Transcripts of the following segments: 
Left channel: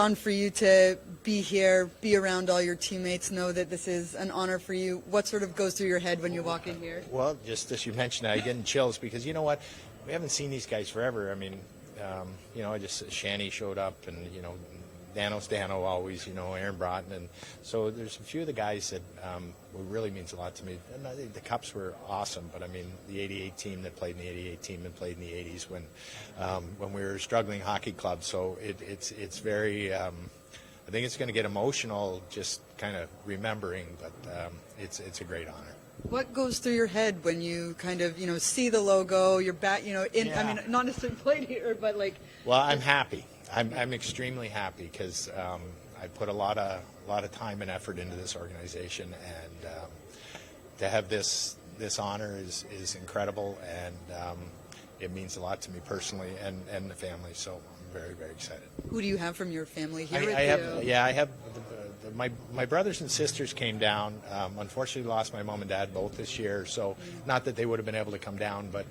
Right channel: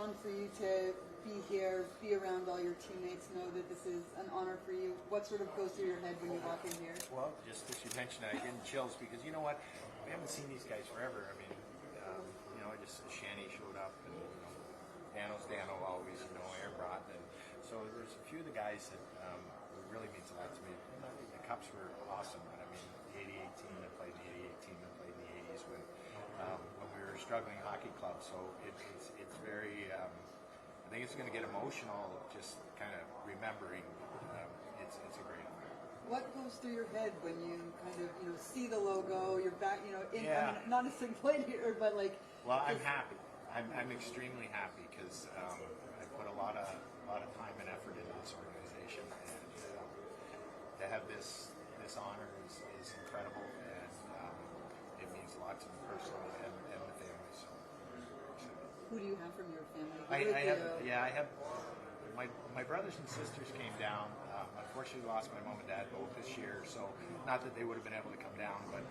On for you to be here, be around all your teammates, know that this is an honor for you. What sort of goes through your head when you walk in here? Well, just as you mentioned, I getting chills because you know what? We haven't seen these guys forever. I mean, I just Shanny showed up, and Dano's Dano always, Aaron Broten, and so there's a few of the guys that really means a lot to me. And I think the Cups were awesome, but I mean the '88 team that played in the '88 team that played in the '80s when we were a struggling hockey club. So it's very. I think it's going to get emotional just kind of remembering, but it's a great honor. What goes through your head when you kind of, see the logo, you're back, I mean, not necessarily played here, but like. Well, I'm happy. I'm extremely happy because I put a lot of time and effort into this organization, and to have this honor is incredible, and it means a lot to me personally and the family. So I'm very, very excited. Who do you have from your family here? I have. My brothers and sisters came down. Unfortunately, lost my mom and dad both this year. So not that they would have been able to come down, but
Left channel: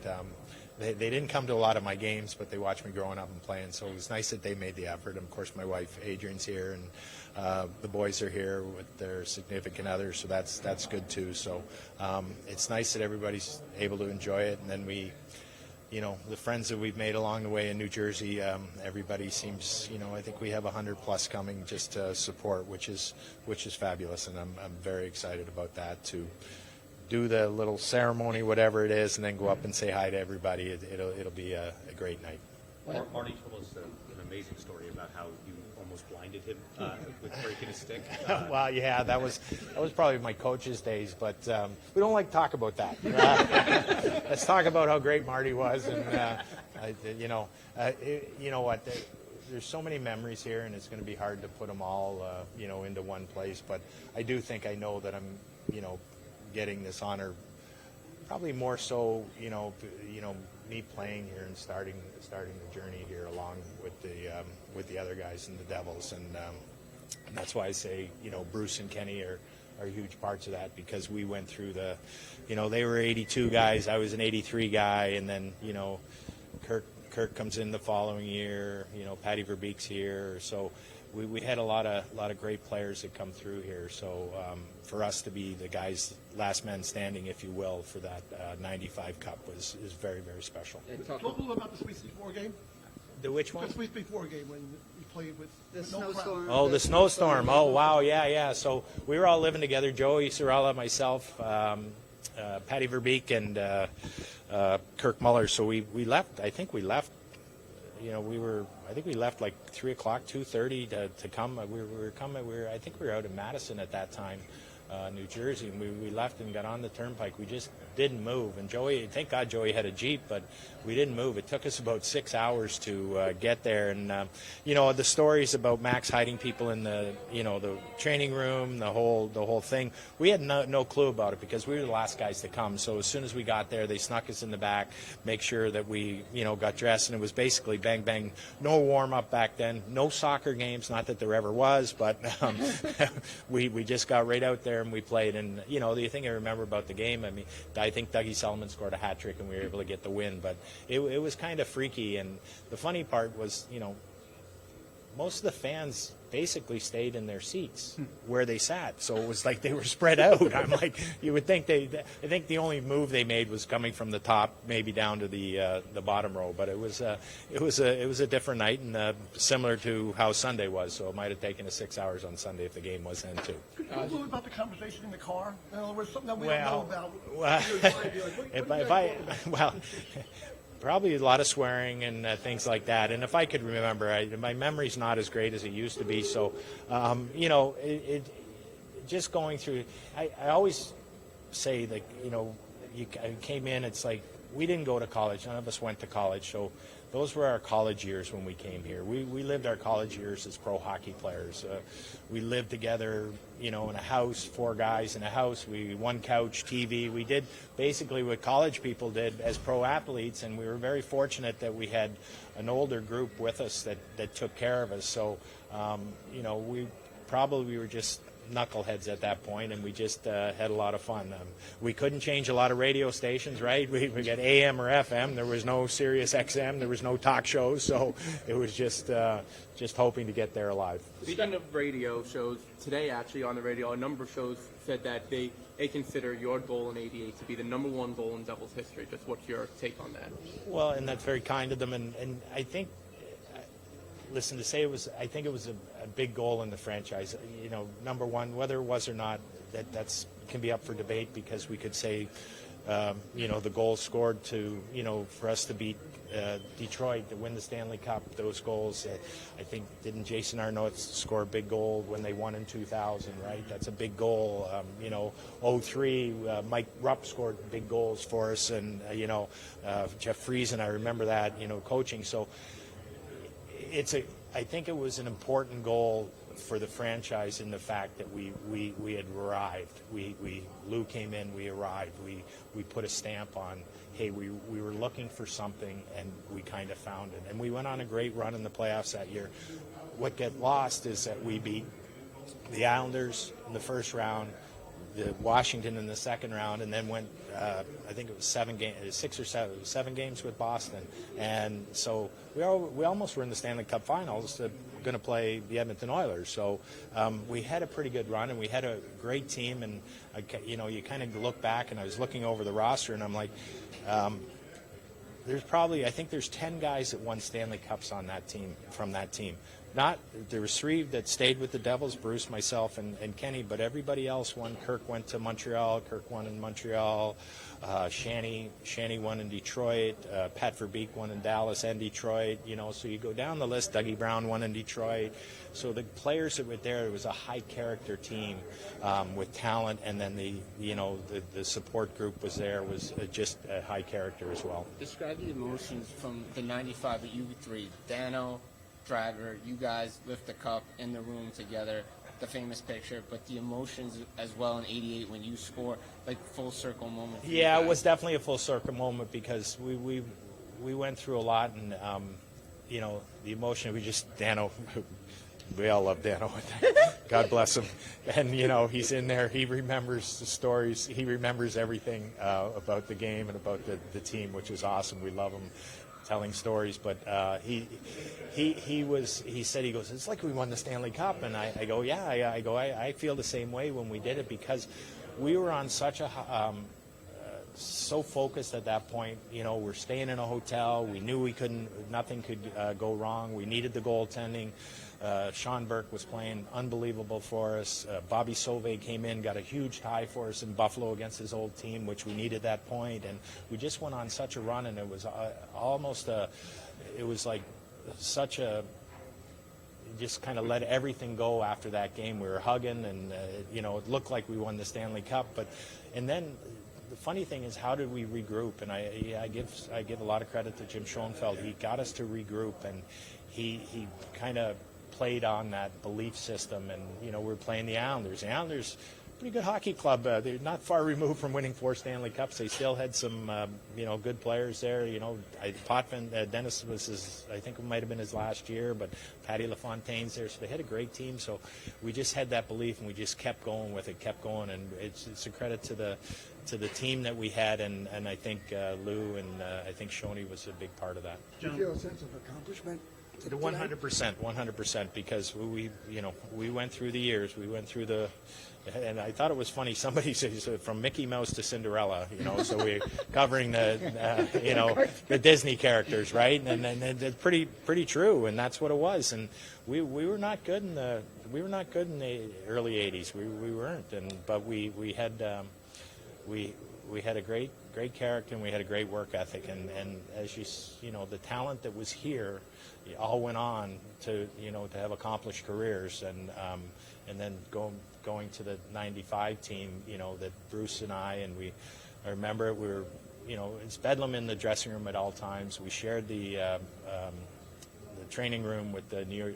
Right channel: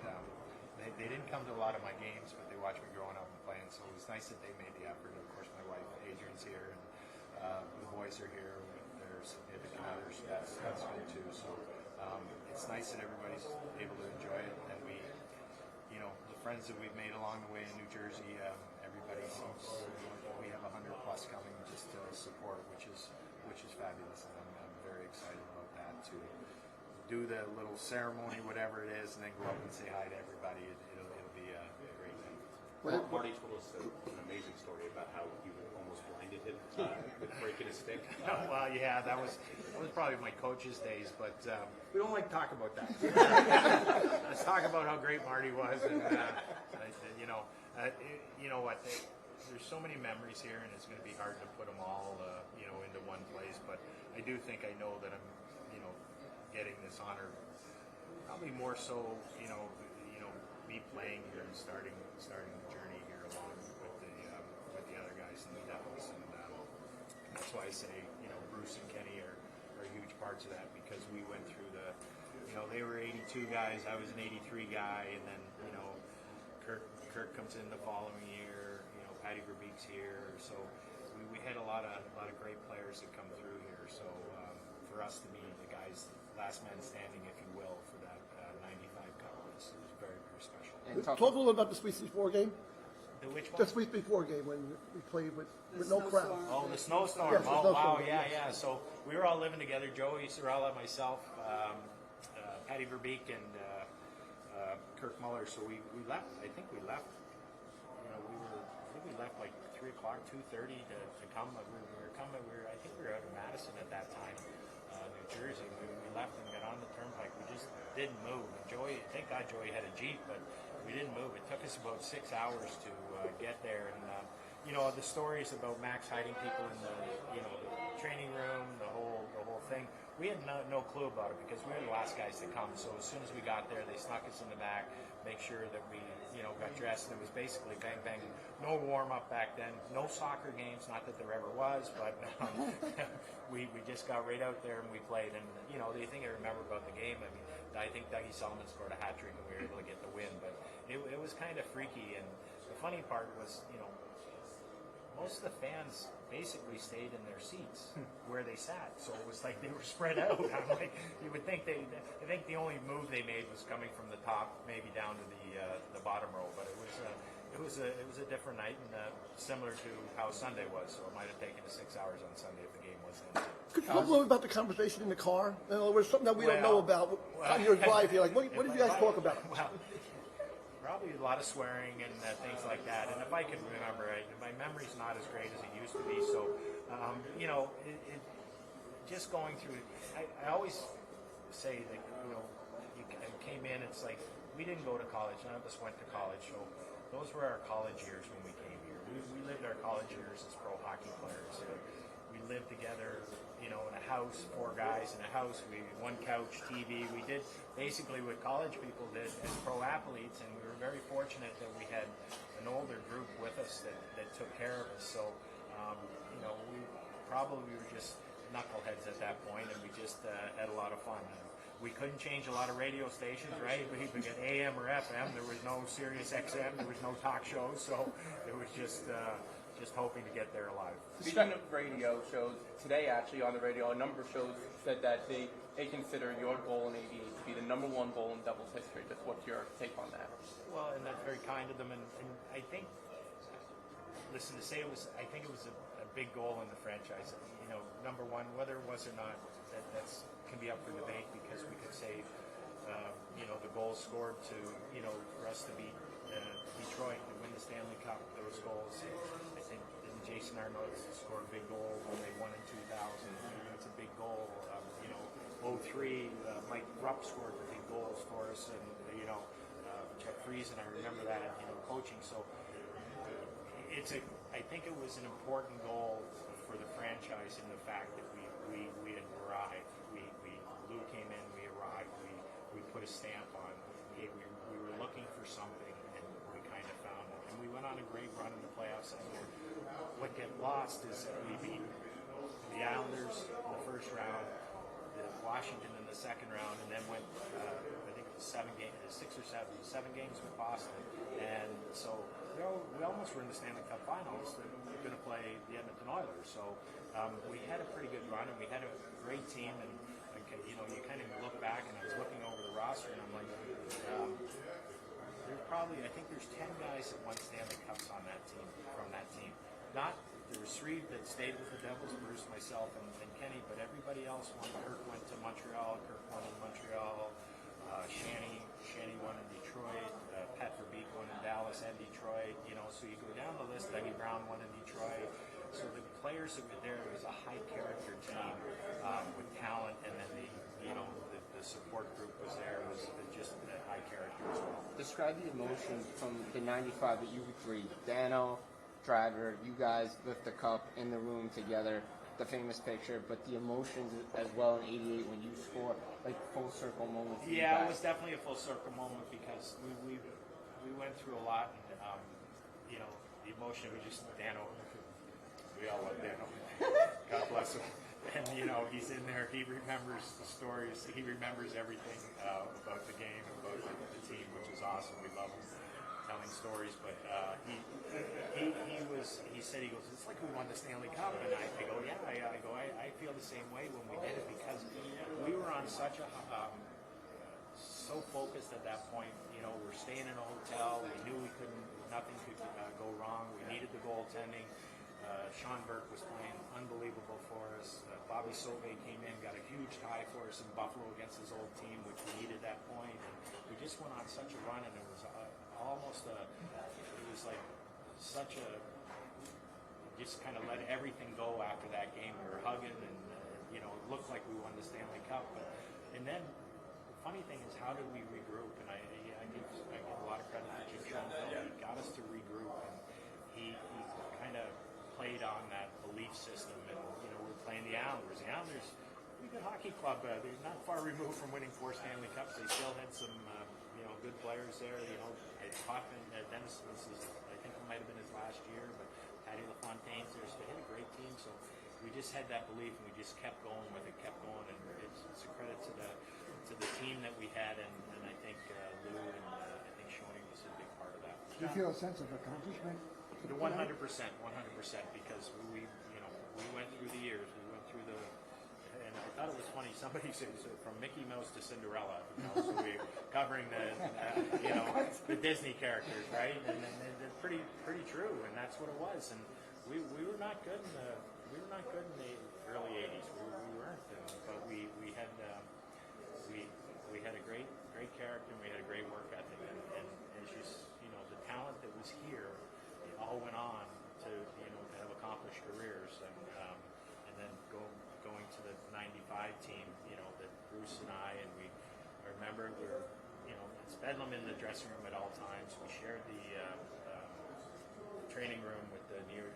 they didn't come to a lot of my games, but they watched me growing up and playing. So it was nice that they made the effort. And of course, my wife Adrian's here, and the boys are here with their significant others. So that's good too. So it's nice that everybody's able to enjoy it. And then we. The friends that we've made along the way in New Jersey, everybody seems, I think we have 100+ coming just to support, which is fabulous, and I'm very excited about that, to do the little ceremony, whatever it is, and then go up and say hi to everybody. It'll be a great night. Marty told us an amazing story about how you almost blinded him with breaking a stick. Well, yeah, that was probably my coach's days, but we don't like to talk about that. Let's talk about how great Marty was, and you know what? There's so many memories here, and it's going to be hard to put them all, into one place. But I do think I know that I'm, getting this honor, probably more so, me playing here and starting the journey here along with the other guys in the Devils, and that's why I say Bruce and Kenny are huge parts of that, because we went through they were 82 guys, I was an 83 guy, and then Kirk comes in the following year, Patty Verbeek's here, so we had a lot of great players that come through here. So for us to be the guys, last man standing, if you will, for that 95 Cup is very, very special. Talk a little about the Sweet 64 game. The which one? The Sweet 64 game when we played with The no crowd. snowstorm. Oh, the snowstorm. Oh, wow, yeah. So we were all living together, Joey Sorella, myself, Patty Verbeek, and Kirk Muller. So we left, I think we left, I think we left like 3 o'clock, 2:30 to come. We were coming, I think we were out in Madison at that time, New Jersey, and we left and got on the turnpike. We just didn't move. And Joey, thank God Joey had a Jeep, but we didn't move. It took us about 6 hours to get there. And, the stories about Max hiding people in the training room, the whole thing, we had no clue about it because we were the last guys to come. So as soon as we got there, they snuck us in the back, make sure that we, got dressed. And it was basically bang, bang, no warm-up back then, no soccer games, not that there ever was, but we just got right out there and we played. And, the thing I remember about the game, I think Dougie Sullivan scored a hat trick and we were able to get the win, but it was kind of freaky. And the funny part was, most of the fans basically stayed in their seats where they sat, so it was like they were spread out. I'm like, you would think I think the only move they made was coming from the top, maybe down to the bottom row. But it was a different night, and similar to how Sunday was. So it might have taken us 6 hours on Sunday if the game was then too. Could you talk a little about the conversation in the car? There was something that we don't know about. Well, You're driving, like, what do you guys talk about? Well, probably a lot of swearing and things like that. And if I could remember, my memory's not as great as it used to be. So, just going through, I always say that, I came in, it's like, we didn't go to college. None of us went to college. So those were our college years when we came here. We lived our college years as pro hockey players. We lived together, in a house, 4 guys in a house. One couch, TV. We did basically what college people did as pro athletes, and we were very fortunate that we had an older group with us that took care of us. So, we were just, knuckleheads at that point, and we just had a lot of fun. We couldn't change a lot of radio stations, right? We got AM or FM. There was no Sirius XM. There was no talk shows, so it was just hoping to get there alive. Speaking of radio shows, today actually on the radio, a number of shows said that they consider your goal in '88 to be the #1 goal in Devils history. Just what's your take on that? Well, and that's very kind of them, and I think, listen, to say I think it was a big goal in the franchise. You know, #1, whether it was or not, that's can be up for debate, because we could say, you know, the goal scored to, you know, for us to beat Detroit to win the Stanley Cup, those goals. I think, didn't Jason Arnott score a big goal when they won in 2000, right? That's a big goal. You know, 03, Mike Rupp scored big goals for us, and, you know, Jeff Friesen, I remember that, you know, coaching. So I think it was an important goal for the franchise in the fact that we had arrived. Lou came in, we arrived. We put a stamp on, hey, we were looking for something, and we kind of found it. And we went on a great run in the playoffs that year. What got lost is that we beat the Islanders in the first round, the Washington in the second round, and then went, I think it was 7 games with Boston. And so we almost were in the Stanley Cup Finals, going to play the Edmonton Oilers. So we had a pretty good run, and we had a great team. And you know, you kind of look back, and I was looking over the roster, and I'm like, I think there's 10 guys that won Stanley Cups on that team, from that team. There was 3 that stayed with the Devils, Bruce, myself, and Kenny, but everybody else won. Kirk went to Montreal. Kirk won in Montreal. Shanny won in Detroit. Pat Verbeek won in Dallas and Detroit. You know, so you go down the list. Dougie Brown won in Detroit. So the players that were there, it was a high-character team with talent, and then the support group was there, was just a high character as well. Describe the emotions from the '95 of you three, Dano, Driver, you guys lift the cup in the room together, the famous picture, but the emotions as well in '88 when you score, like full circle moment. Yeah, it was definitely a full circle moment, because we went through a lot, and you know, the emotion, Dano, we all love Dano. God bless him. And, you know, he's in there. He remembers the stories. He remembers everything about the game and about the team, which is awesome. We love him telling stories. But he said, it's like we won the Stanley Cup. And I go, yeah. I feel the same way when we did it, because we were on such a so focused at that point. You know, we're staying in a hotel. We knew nothing could go wrong. We needed the goaltending. Sean Burke was playing unbelievable for us. Bobby Sauvé came in, got a huge tie for us in Buffalo against his old team, which we needed that point. And we just went on such a run, and it was just kind of let everything go after that game. We were hugging, and you know, it looked like we won the Stanley Cup. And then the funny thing is, how did we regroup? And I give a lot of credit to Jim Schoenfeld. He got us to regroup, and he kind of played on that belief system. And you know, we were playing the Islanders. The Islanders, pretty good hockey club. They're not far removed from winning 4 Stanley Cups. They still had some you know, good players there. You know, Potvin, Dennis was I think it might have been his last year, but Patty LaFontaine's there. So they had a great team. So we just had that belief, and we just kept going with it, kept going. And it's a credit to the team that we had, and I think Lou and I think Shoney was a big part of that. Do you feel a sense of accomplishment? 100%, because we went through the years, and I thought it was funny. Somebody says from Mickey Mouse to Cinderella, you know, so we're covering the the Disney characters, right? And it's pretty true, and that's what it was. And we were not good in the early '80s. We weren't, but we had a great character, and we had a great work ethic, and as you know, the talent that was here all went on to have accomplished careers, and then going to the '95 team, you know, that Bruce and I remember we were, you know, it's bedlam in the dressing room at all times. We shared the training room with the New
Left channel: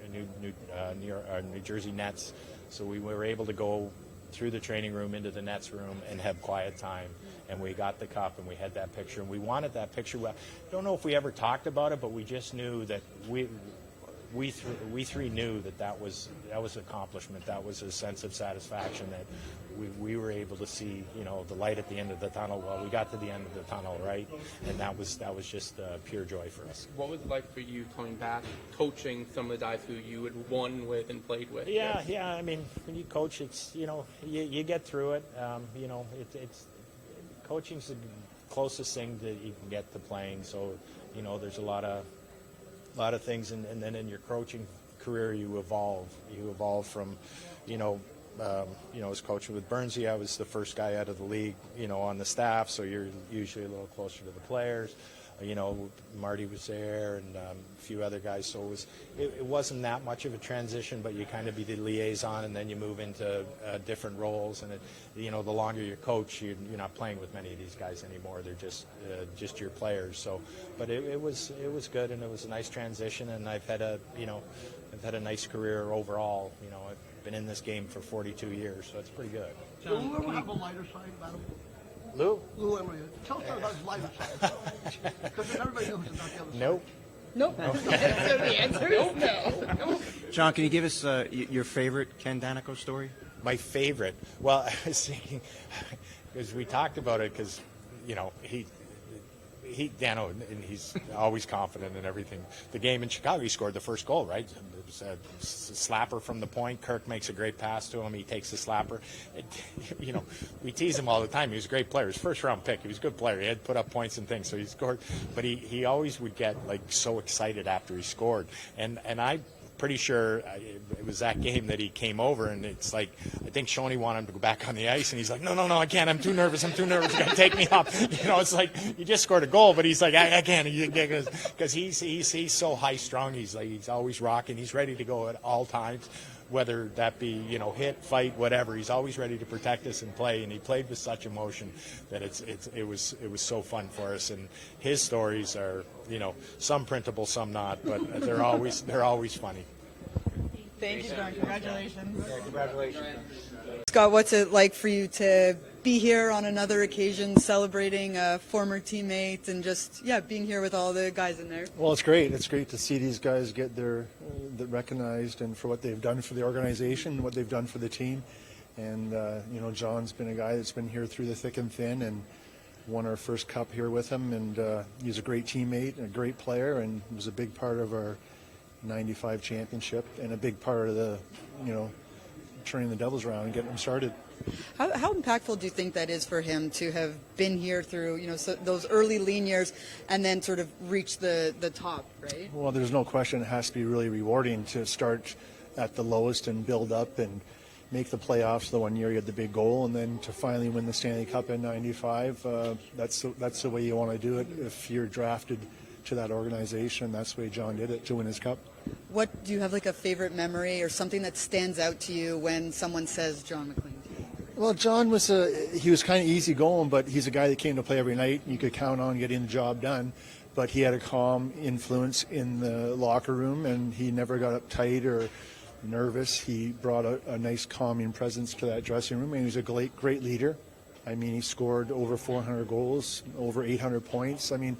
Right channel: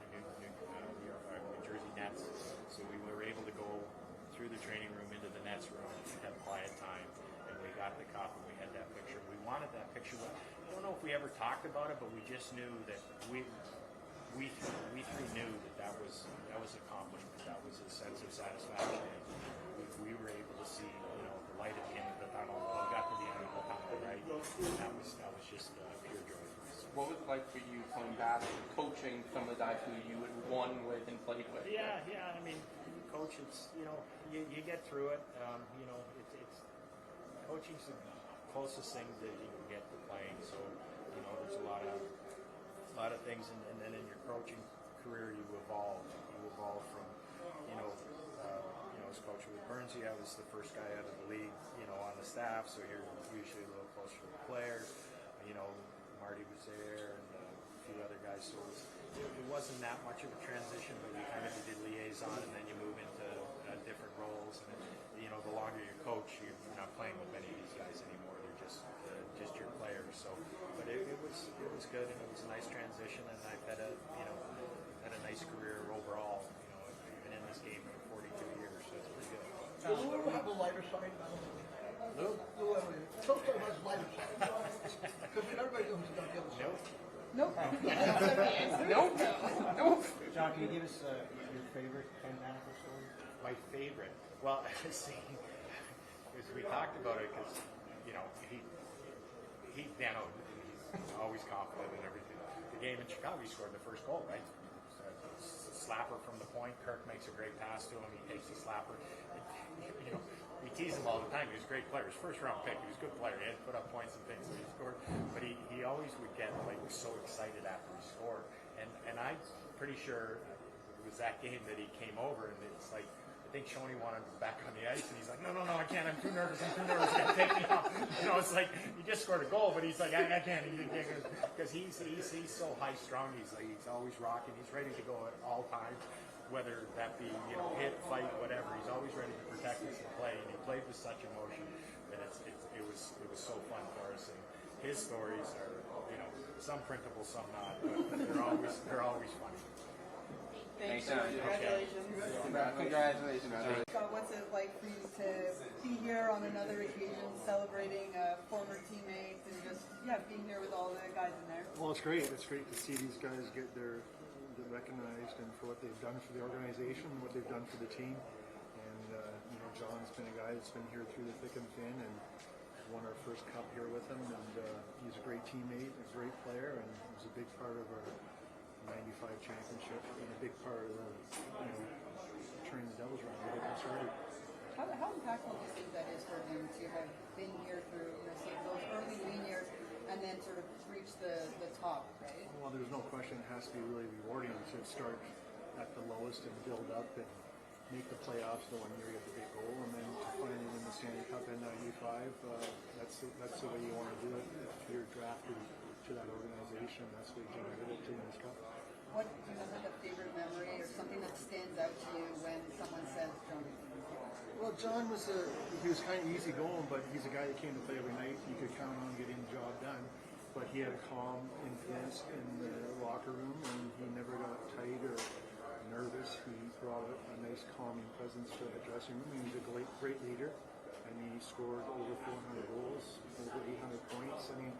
Jersey Nets, so we were able to go through the training room into the Nets room and have quiet time. And we got the cup, and we had that picture, and we wanted that picture. I don't know if we ever talked about it, but we just knew that we three knew that was accomplishment. That was a sense of satisfaction that we were able to see, the light at the end of the tunnel. Well, we got to the end of the tunnel, right? And that was just pure joy for us. What was it like for you coming back, coaching some of the guys who you had won with and played with? Yeah. I mean, when you coach, it's you get through it. It's coaching's the closest thing that you can get to playing. So there's a lot of things, and then in your coaching career, you evolve. You evolve from, as coaching with Burnsy, I was the first guy out of the league, on the staff, so you're usually a little closer to the players. Marty was there, and a few other guys, so it wasn't that much of a transition, but you kind of be the liaison, and then you move into different roles, and the longer you coach, you're not playing with many of these guys anymore. They're just your players. So, but it was good, and it was a nice transition, and I've had a nice career overall. I've been in this game for 42 years, so it's pretty good. Will Lou ever have a lighter side? Lou? Lou ever? Tell us about his lighter side. Because everybody knows about the other side. Nope. Nope. So the answer is no. John, can you give us your favorite Ken Danico story? My favorite. Well, I was thinking, because we talked about it, because Dano, and he's always confident in everything. The game in Chicago, he scored the first goal, right? It was a slapper from the point. Kirk makes a great pass to him. He takes the slapper. We tease him all the time. He was a great player. His first-round pick. He was a good player. He had put up points and things, so he scored. But he always would get so excited after he scored. And I'm pretty sure it was that game that he came over, and it's like, I think Shoney wanted him to go back on the ice, and he's like, no, I can't. I'm too nervous. You're going to take me off. It's like, you just scored a goal, but he's like, I can't. Because he's so high-strung. He's always rocking. He's ready to go at all times, whether that be, hit, fight, whatever. He's always ready to protect us and play, and he played with such emotion that it was so fun for us. And his stories are, some printable, some not, but they're always funny. Thank you, John. Congratulations. Scott, what's it like for you to be here on another occasion celebrating a former teammate and just, being here with all the guys in there? Well, it's great. It's great to see these guys get recognized and for what they've done for the organization, what they've done for the team. And, John's been a guy that's been here through the thick and thin and won our first cup here with him. And he's a great teammate and a great player and was a big part of our 95 championship and a big part of the, turning the Devils around and getting them started. How impactful do you think that is for him to have been here through, those early lean years and then sort of reach the top, right? Well, there's no question it has to be really rewarding to start at the lowest and build up and make the playoffs the one year you had the big goal, and then to finally win the Stanley Cup in 95. That's the way you want to do it if you're drafted to that organization. That's the way John did it to win his cup. What do you have a favorite memory or something that stands out to you when someone says John MacLean? Well, John was kind of easy going, but he's a guy that came to play every night. You could count on getting the job done, but he had a calm influence in the locker room, and he never got uptight or nervous. He brought a nice calming presence to that dressing room, and he was a great leader. I mean, he scored over 400 goals, over 800 points. I mean,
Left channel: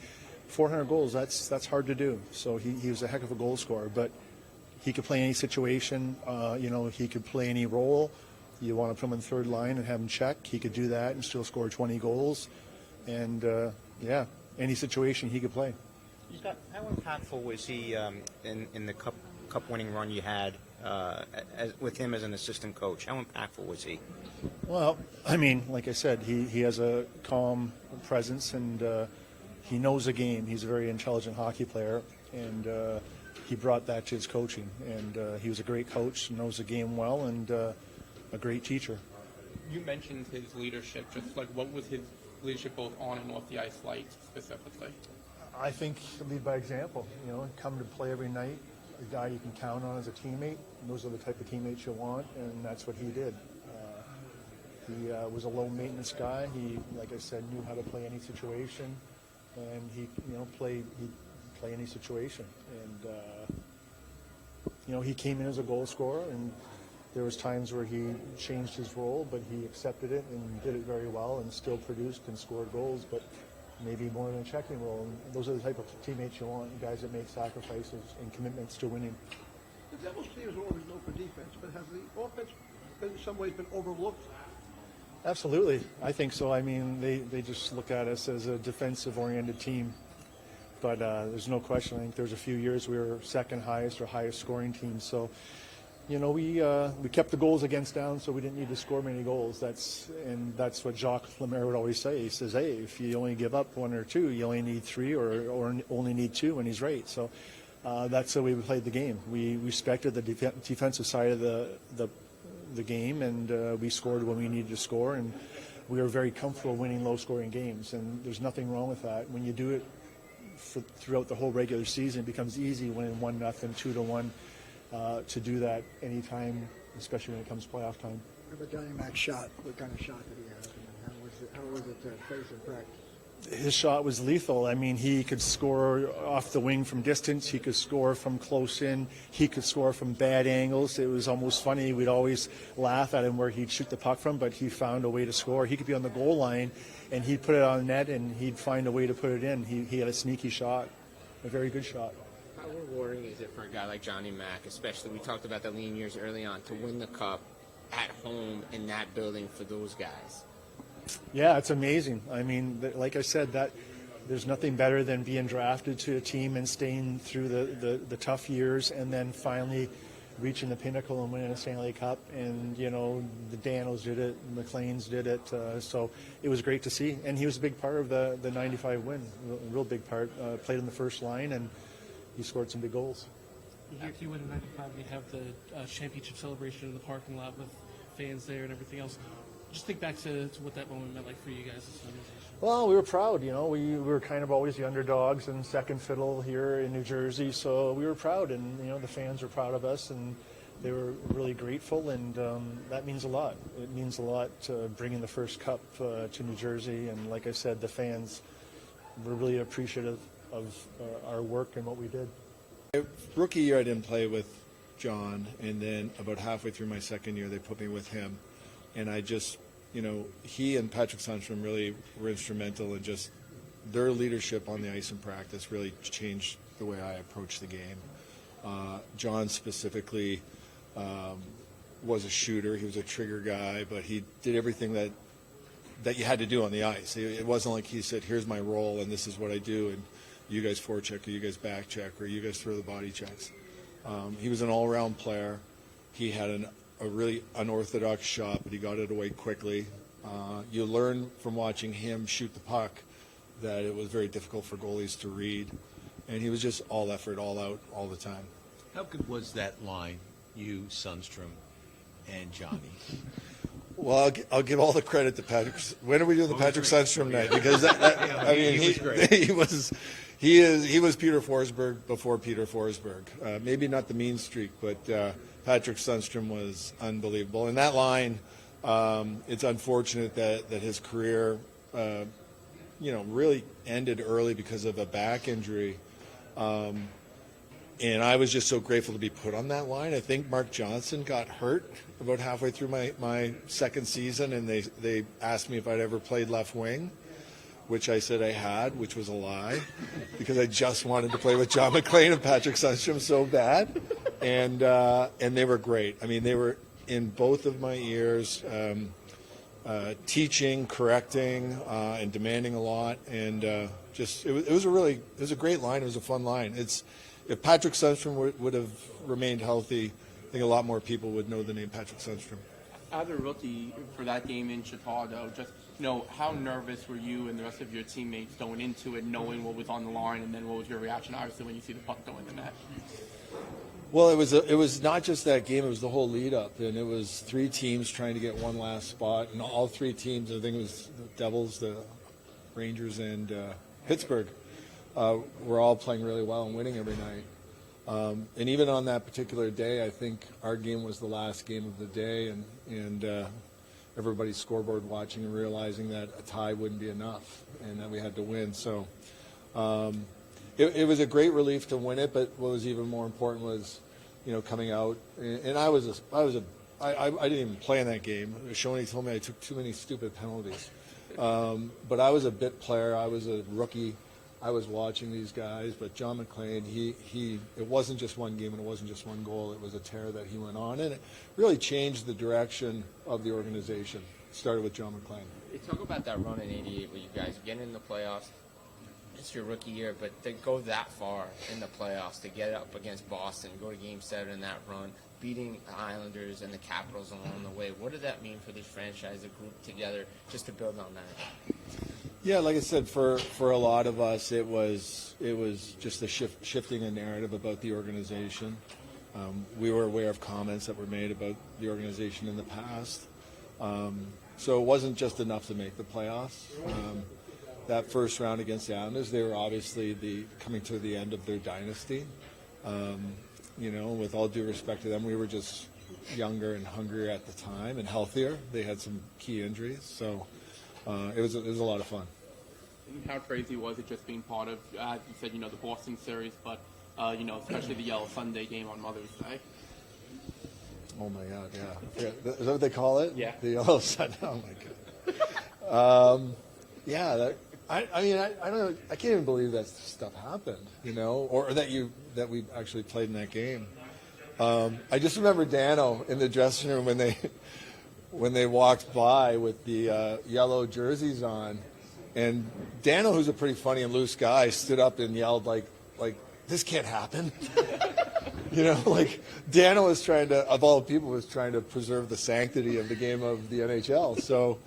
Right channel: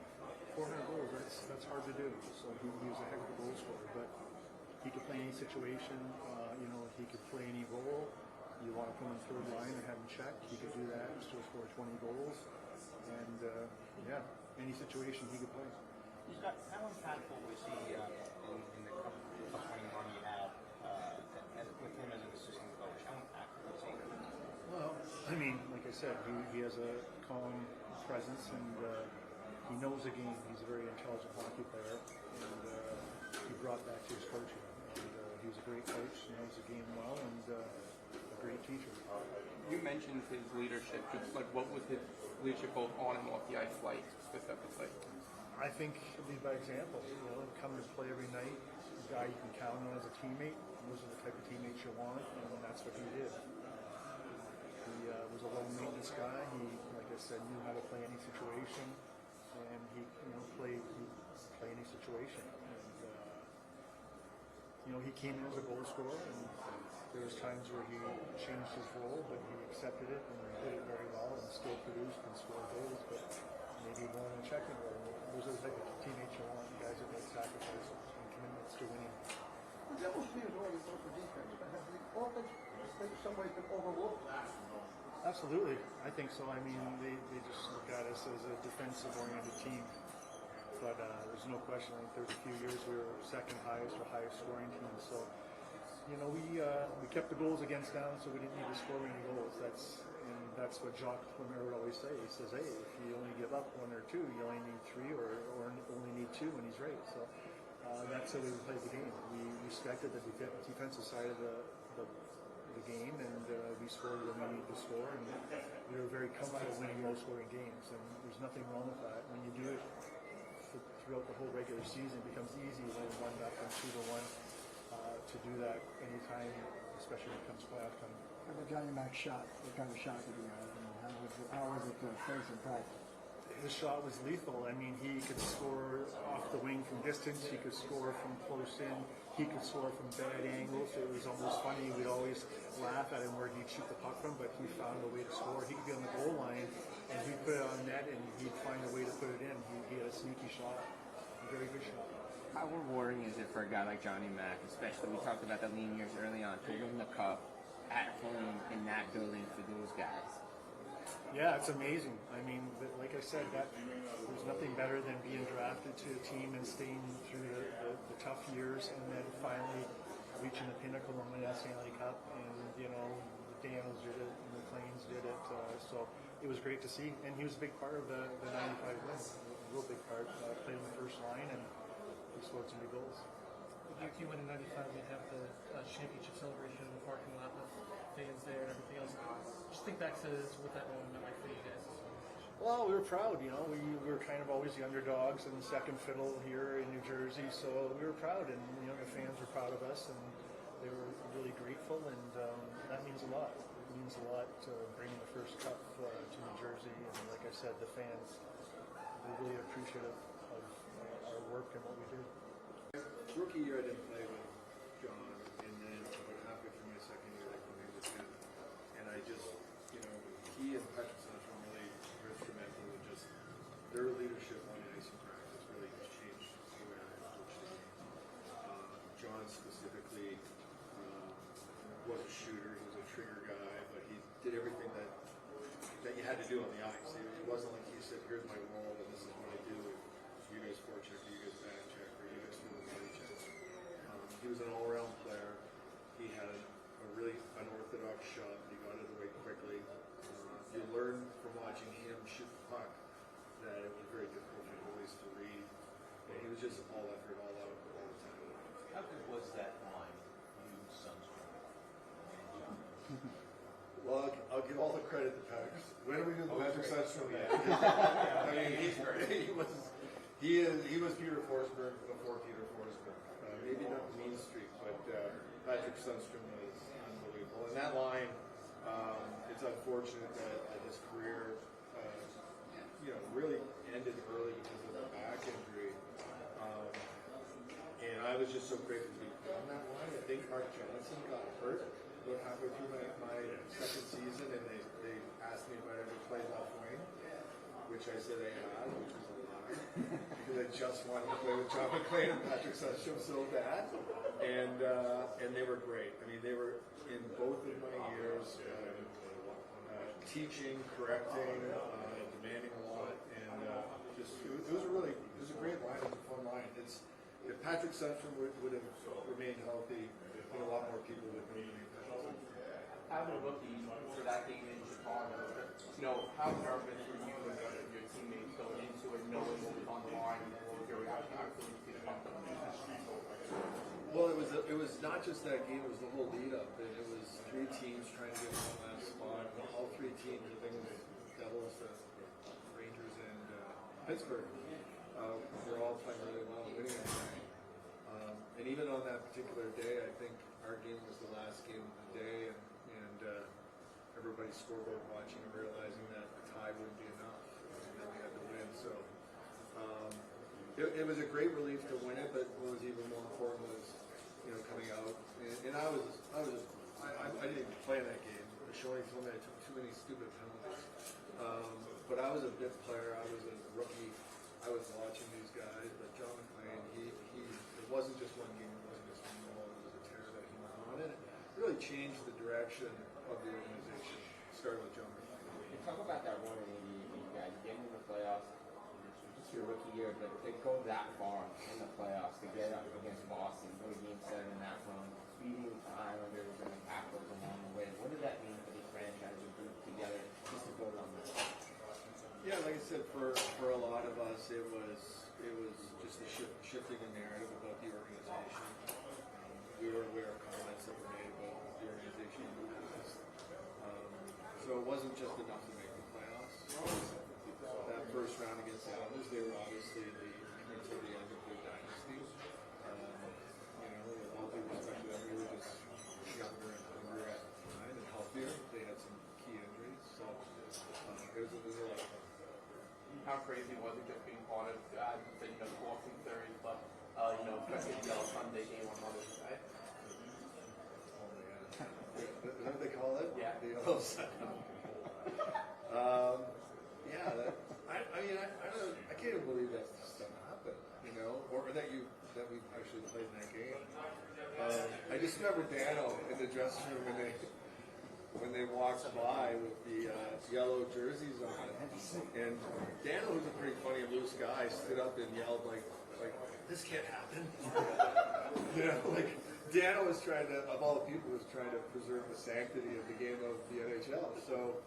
400 goals, that's hard to do. So he was a heck of a goal scorer, but he could play any situation. He could play any role. You want to put him in third line and have him check. He could do that and still score 20 goals. And, any situation he could play. Scott, how impactful was he in the cup winning run you had with him as an assistant coach? How impactful was he? Well, I mean, like I said, he has a calm presence and he knows the game. He's a very intelligent hockey player, and he brought that to his coaching. And he was a great coach, knows the game well, and a great teacher. You mentioned his leadership. Just what was his leadership both on and off the ice like specifically? I think lead by example. Come to play every night. The guy you can count on as a teammate. Those are the type of teammates you want, and that's what he did. He was a low maintenance guy. He, like I said, knew how to play any situation, and he play any situation. And he came in as a goal scorer, and there was times where he changed his role, but he accepted it and did it very well, and still produced and scored goals. But maybe more in a checking role. And those are the type of teammates you want, guys that make sacrifices and commitments to winning. The Devils team is always known for defense, but has the offense in some ways been overlooked? Absolutely. I think so. I mean, they just look at us as a defensive-oriented team. But there's no question. I think there's a few years we were second highest or highest scoring team. So, you know, we kept the goals against down, so we didn't need to score many goals. That's what Jacques Lemaire would always say. He says, hey, if you only give up one or two, you only need three or only need two, and he's right. So that's the way we played the game. We respected the defensive side of the game, and we scored when we needed to score, and we were very comfortable winning low-scoring games, and there's nothing wrong with that. When you do it throughout the whole regular season, it becomes easy winning 1-0, 2-1, to do that anytime, especially when it comes playoff time. Every Johnny Mac shot, what kind of shot did he have? How was it to face it back? His shot was lethal. I mean, he could score off the wing from distance. He could score from close in. He could score from bad angles. It was almost funny. We'd always laugh at him where he'd shoot the puck from, but he found a way to score. He could be on the goal line, and he'd put it on net, and he'd find a way to put it in. He had a sneaky shot, a very good shot. How rewarding is it for a guy like Johnny Mac, especially we talked about the lean years early on, to win the cup at home in that building for those guys? Yeah, it's amazing. I mean, like I said, that there's nothing better than being drafted to a team and staying through the tough years, and then finally reaching the pinnacle and winning a Stanley Cup. And, you know, the Danos did it, MacLeans did it. So it was great to see. And he was a big part of the 95 win, a real big part. Played in the first line, and he scored some big goals. Back to you in '95, you have the championship celebration in the parking lot with fans there and everything else. Just think back to what that moment meant like for you guys as an organization. Well, we were proud, you know. We were kind of always the underdogs and second fiddle here in New Jersey, so we were proud, and, you know, the fans were proud of us, and they were really grateful, and that means a lot. It means a lot bringing the first cup to New Jersey, and like I said, the fans were really appreciative of our work and what we did. Rookie year, I didn't play with John, and then about halfway through my second year, they put me with him. And I just, you know, he and Patrick Sundstrom really were instrumental in just their leadership on the ice in practice really changed the way I approach the game. John specifically was a shooter. He was a trigger guy, but he did everything that you had to do on the ice. It wasn't like he said, here's my role and this is what I do, and you guys forecheck, or you guys back check, or you guys throw the body checks. He was an all-around player. He had a really unorthodox shot, but he got it away quickly. You learn from watching him shoot the puck that it was very difficult for goalies to read, and he was just all effort, all out, all the time. How good was that line, you, Sundstrom, and Johnny? Well, I'll give all the credit to Patrick. When are we doing the Patrick Sundstrom night? Because I mean, he was great. He was Peter Forsberg before Peter Forsberg. Maybe not the mean streak, but Patrick Sundstrom was unbelievable. And that line, it's unfortunate that his career, really ended early because of a back injury. And I was just so grateful to be put on that line. I think Mark Johnson got hurt about halfway through my second season, and they asked me if I'd ever played left wing, which I said I had, which was a lie, because I just wanted to play with John MacLean and Patrick Sundstrom so bad. And they were great. I mean, they were in both of my ears, teaching, correcting, and demanding a lot. And it was a great line. It was a fun line. If Patrick Sundstrom would have remained healthy, I think a lot more people would know the name Patrick Sundstrom. As a rookie for that game in Chicago, just, you know, how nervous were you and the rest of your teammates going into it, knowing what was on the line, and then what was your reaction, obviously, when you see the puck go in the net? Well, it was not just that game; it was the whole lead up, and it was three teams trying to get one last spot, and all three teams, I think it was the Devils, the Rangers, and Pittsburgh, were all playing really well and winning every night. And even on that particular day, I think our game was the last game of the day, and everybody's scoreboard watching and realizing that a tie wouldn't be enough and that we had to win. So it was a great relief to win it, but what was even more important was, you know, coming out. And I didn't even play in that game. Shoney told me I took too many stupid penalties. But I was a bit player. I was a rookie. I was watching these guys, but John MacLean, it wasn't just one game and it wasn't just one goal. It was a tear that he went on, and it really changed the direction of the organization. It started with John MacLean. You talk about that run in '88 where you guys get in the playoffs. It's your rookie year, but to go that far in the playoffs, to get up against Boston, go to Game 7 in that run, beating the Islanders and the Capitals along the way, what did that mean for this franchise, the group together, just to build on that? Yeah, like I said, for a lot of us, it was just a shifting a narrative about the organization. We were aware of comments that were made about the organization in the past, so it wasn't just enough to make the playoffs. That first round against the Islanders, they were obviously coming to the end of their dynasty. With all due respect to them, we were just younger and hungrier at the time and healthier. They had some key injuries, so it was a lot of fun. How crazy was it just being part of, as you said, the Boston series, but especially the Yellow Sunday game on Mother's Day? Oh my God, yeah. Is that what they call it? Yeah. The Yellow Sunday. Oh my God. Yeah. I don't know. I can't even believe that stuff happened. Or that we actually played in that game. I just remember Dano in the dressing room when they walked by with the yellow jerseys on, and Dano, who's a pretty funny and loose guy, stood up and yelled like this can't happen. Dano was trying to, of all people, was trying to preserve the sanctity of the game of the NHL. So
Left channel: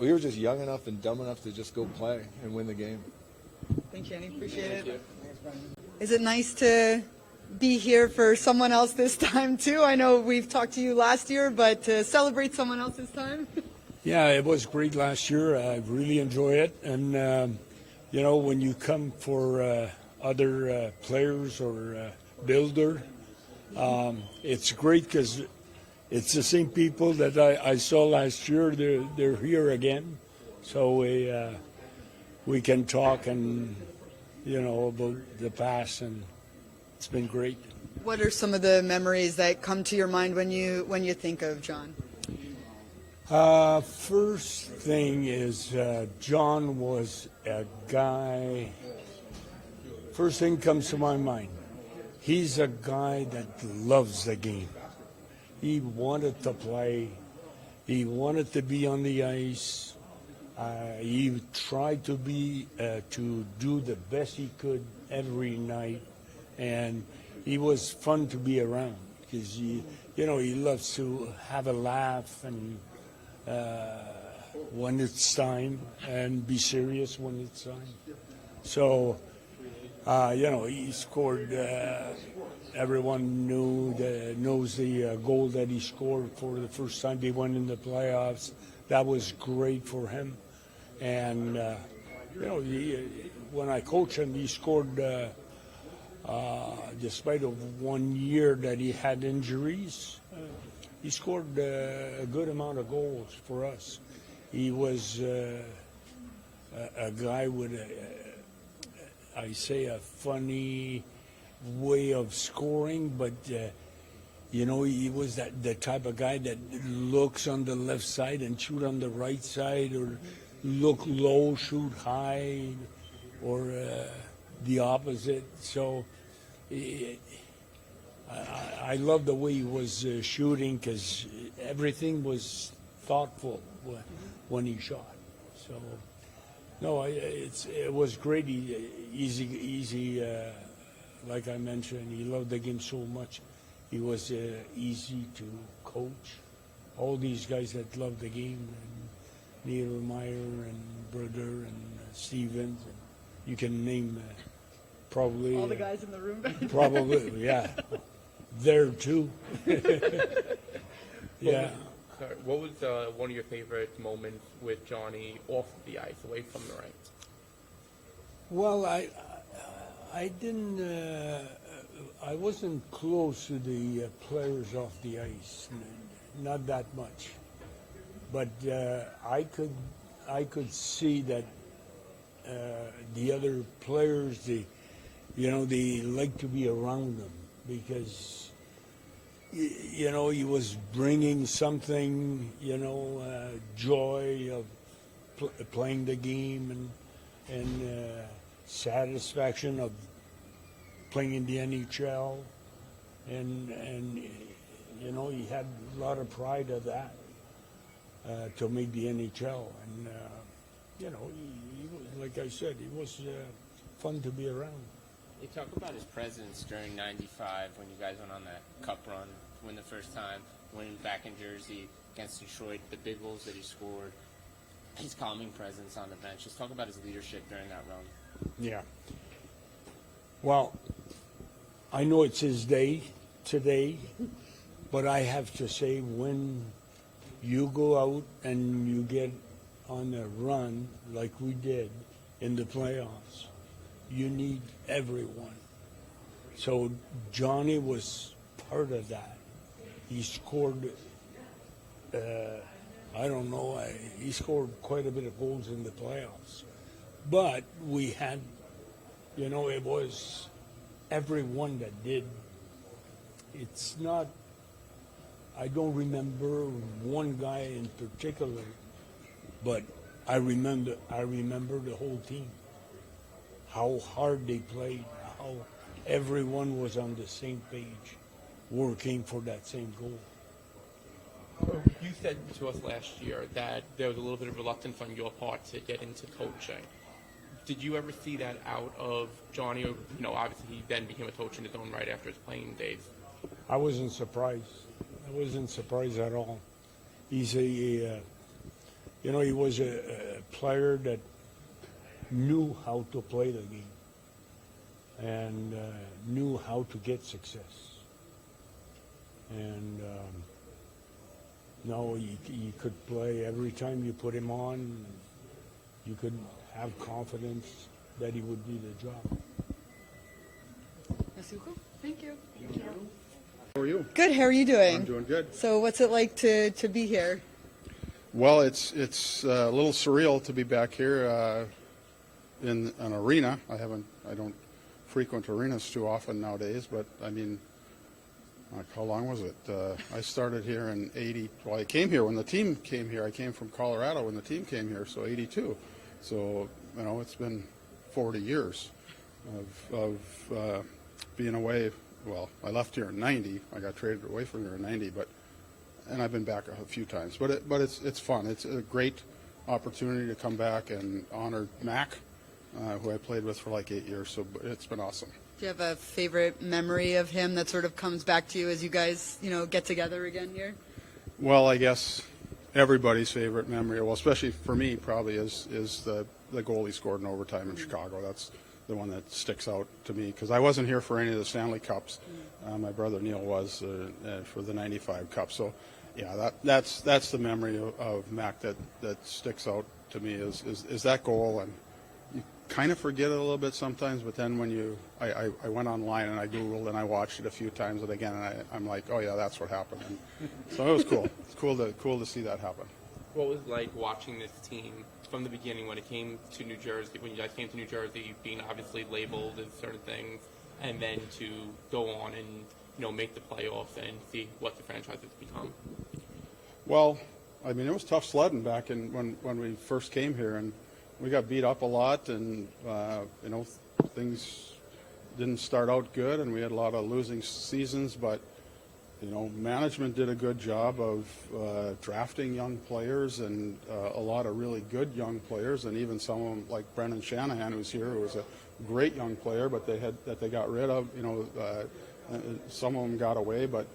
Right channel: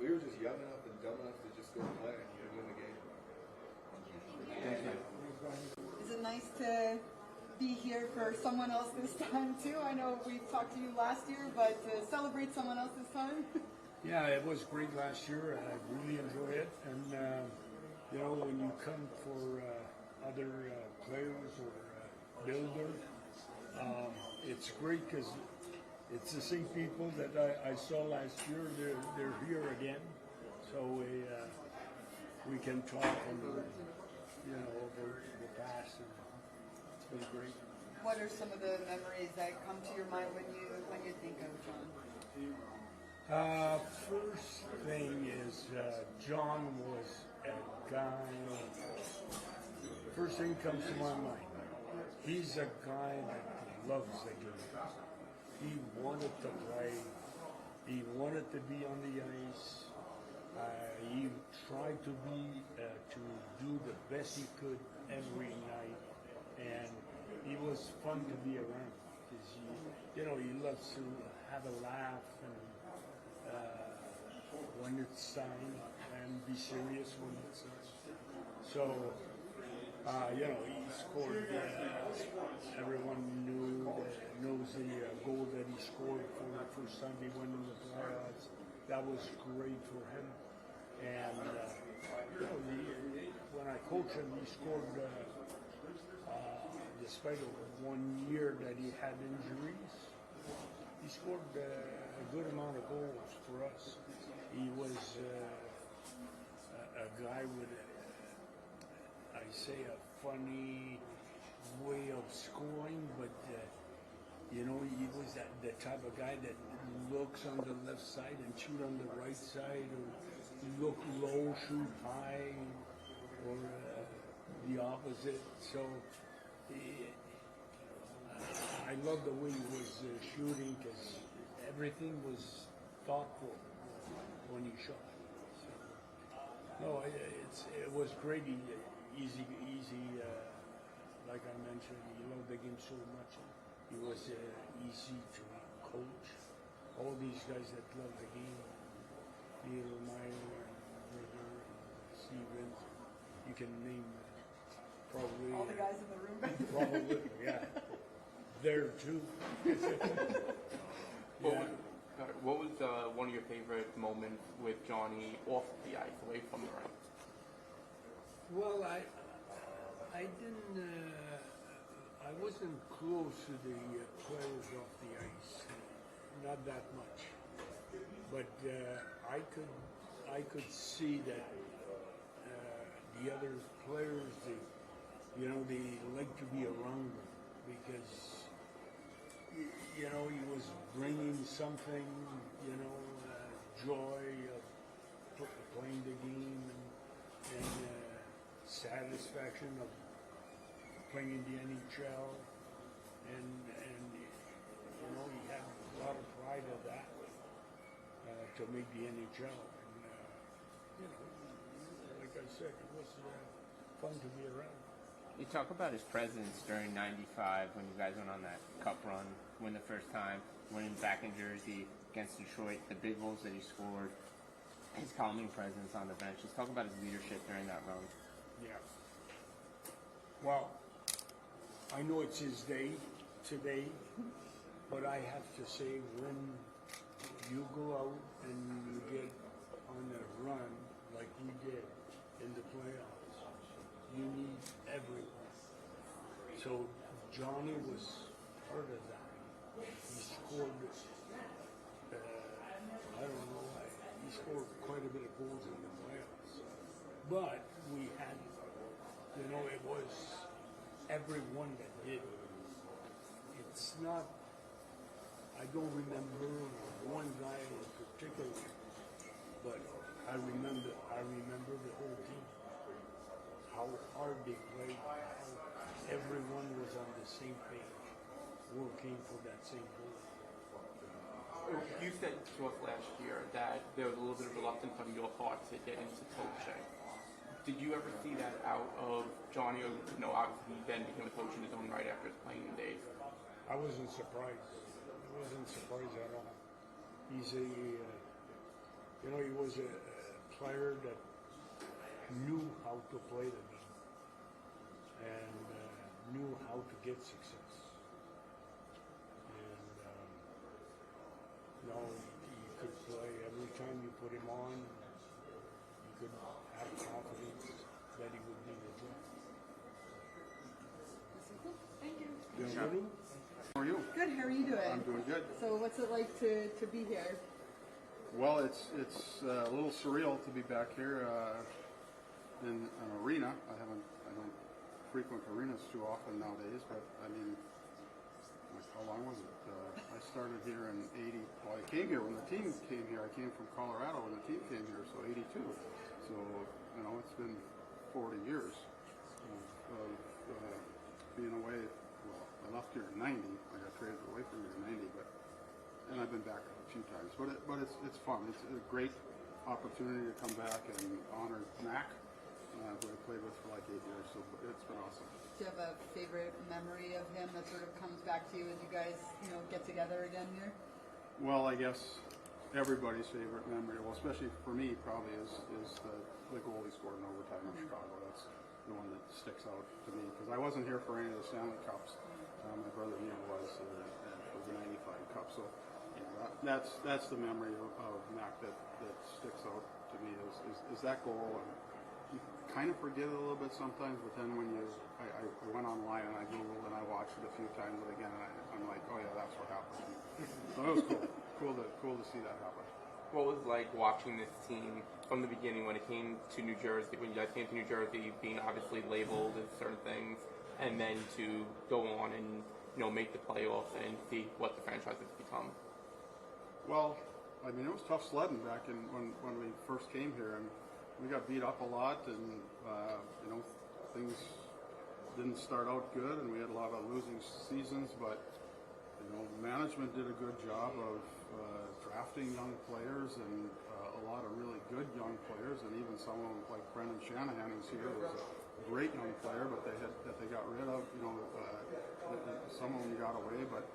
we were just young enough and dumb enough to just go play and win the game. Thank you, Kenny. Appreciate it. Is it nice to be here for someone else this time, too? I know we've talked to you last year, but to celebrate someone else this time? Yeah, it was great last year. I really enjoyed it. And, when you come for other players or builder, it's great because it's the same people that I saw last year. They're here again. So we can talk and, about the past, and it's been great. What are some of the memories that come to your mind when you think of John? First thing is John was a guy. First thing comes to my mind. He's a guy that loves the game. He wanted to play. He wanted to be on the ice. He tried to do the best he could every night, and he was fun to be around because he loves to have a laugh and when it's time and be serious when it's time. So he scored. Everyone knows the goal that he scored for the first time they went in the playoffs. That was great for him. And, when I coached him, he scored, despite of 1 year that he had injuries, he scored a good amount of goals for us. He was a guy with, a funny way of scoring, but he was the type of guy that looks on the left side and shoot on the right side, or look low, shoot high, or the opposite. So I love the way he was shooting because everything was thoughtful when he shot. So no, it was great. Easy. Like I mentioned, he loved the game so much. He was easy to coach. All these guys that loved the game, Neil Meyer and Broten and Stevens, you can name probably All the guys in the room. probably, yeah. There too. Yeah. What was one of your favorite moments with Johnny off the ice, away from the rink? Well, I didn't. I wasn't close to the players off the ice, not that much. But I could see that the other players, they like to be around them because you know, he was bringing something, you know, joy of playing the game and satisfaction of playing in the NHL, and you know, he had a lot of pride of that to make the NHL, and you know, like I said, he was fun to be around. You talk about his presence during '95 when you guys went on that cup run, win the first time, winning back in Jersey against Detroit, the big goals that he scored, his calming presence on the bench. Just talk about his leadership during that run. Yeah. Well, I know it's his day today, but I have to say, when you go out and you get on a run like we did in the playoffs, you need everyone. So Johnny was part of that. He scored, I don't know, he scored quite a bit of goals in the playoffs. But we had, you know, it was everyone that did. It's not, I don't remember one guy in particular, but I remember the whole team. How hard they played, how everyone was on the same page, working for that same goal. You said to us last year that there was a little bit of reluctance on your part to get into coaching. Did you ever see that out of Johnny? Or, you know, obviously he then became a coach in his own right after his playing days. I wasn't surprised. I wasn't surprised at all. He's you know, he was a player that knew how to play the game and knew how to get success. And no, he could play every time you put him on. You could have confidence that he would do the job. Thank you. How are you? Good. How are you doing? I'm doing good. So, what's it like to be here? Well, it's a little surreal to be back here in an arena. I don't frequent arenas too often nowadays, but I mean, like, how long was it? I started here in '80. Well, I came here when the team came here. I came from Colorado when the team came here, so '82. So, you know, it's been 40 years of being away. Well, I left here in '90. I got traded away from here in '90, and I've been back a few times. But it's fun. It's a great opportunity to come back and honor Mac, who I played with for like 8 years. So it's been awesome. Do you have a favorite memory of him that sort of comes back to you as you guys, you know, get together again here? Well, I guess everybody's favorite memory, well, especially for me, probably is the goal he scored in overtime in Chicago. That's the one that sticks out to me because I wasn't here for any of the Stanley Cups. My brother Neil was for the '95 Cup. So, yeah, that's the memory of Mac that sticks out to me is that goal. And you kind of forget it a little bit sometimes, but then when I went online and I Googled and I watched it a few times, and again, I'm like, oh yeah, that's what happened. And so it was cool. It's cool to see that happen. What was it like watching this team from the beginning when it came to New Jersey, when you guys came to New Jersey, being obviously labeled as certain things, and then to go on and, you know, make the playoffs and see what the franchise has become? Well, I mean, it was tough sledding back in when we first came here, and we got beat up a lot, and you know, things didn't start out good, and we had a lot of losing seasons, but you know, management did a good job of drafting young players and a lot of really good young players, and even some of them like Brendan Shanahan, who's here, who was a great young player, but they got rid of. You know, some of them got away, but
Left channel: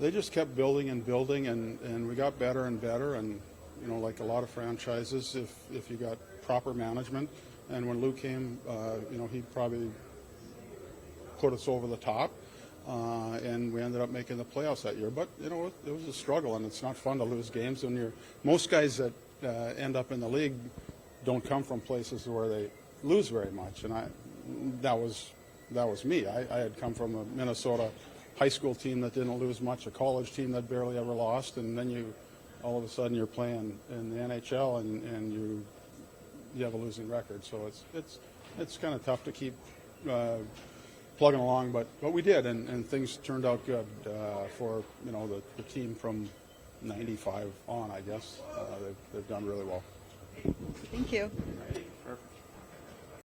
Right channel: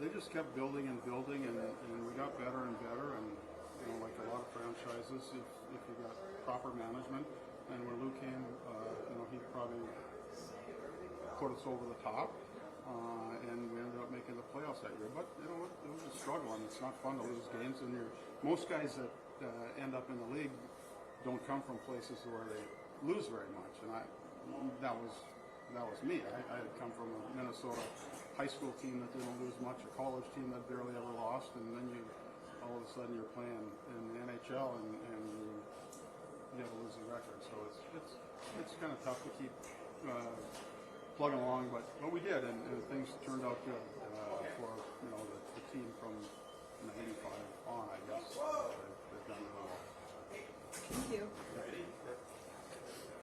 they just kept building and building, and we got better and better. And you know, like a lot of franchises, if you got proper management, and when Lou came, you know, he probably put us over the top. And we ended up making the playoffs that year. But, you know, it was a struggle, and it's not fun to lose games. And most guys that end up in the league don't come from places where they lose very much. And that was me. I had come from a Minnesota high school team that didn't lose much, a college team that barely ever lost, and then all of a sudden you're playing in the NHL and you have a losing record. So it's kind of tough to keep plugging along, but we did, and things turned out good for the team from '95 on. I guess they've done really well. Thank you.